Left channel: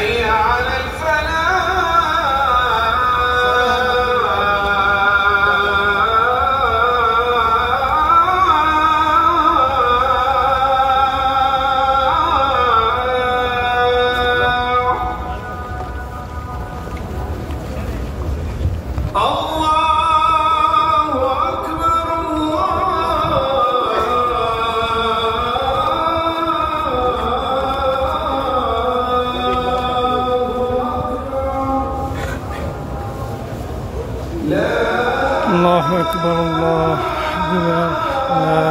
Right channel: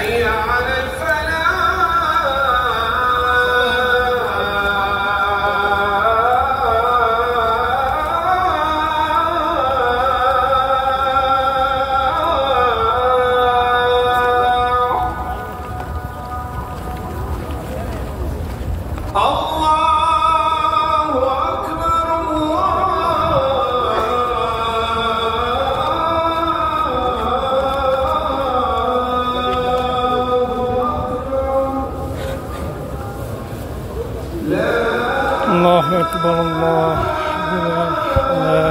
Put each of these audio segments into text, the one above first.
حي على الفلاح. الله أكبر الله أكبر لا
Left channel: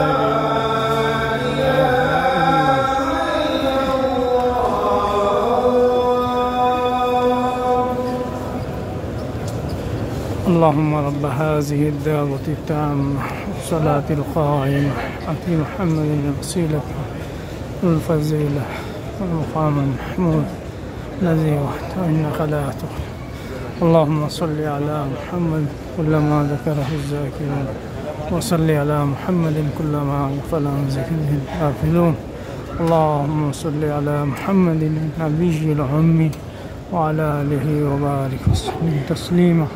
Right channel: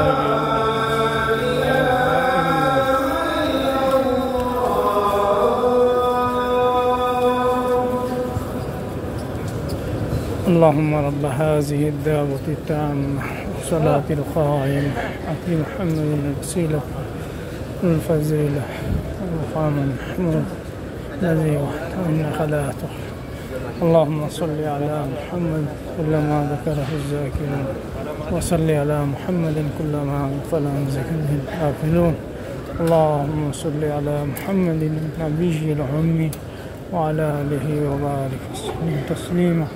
اللهم رب هذه الدعوة التامة والصلاة القائمة آت محمد الوسيلة والفضيلة والمقام المحمود الذي وحده إنك لا تخلف. اللهم صل على محمد كلما ذكره الذاكرون وصل على محمد كلما غفل عن ذكره الغافلون. اللهم صل على محمد النبي الأمي وعلى آله وبارك وسلم تسليما.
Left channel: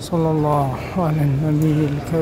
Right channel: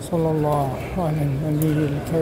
صلى الله على النبي الكريم.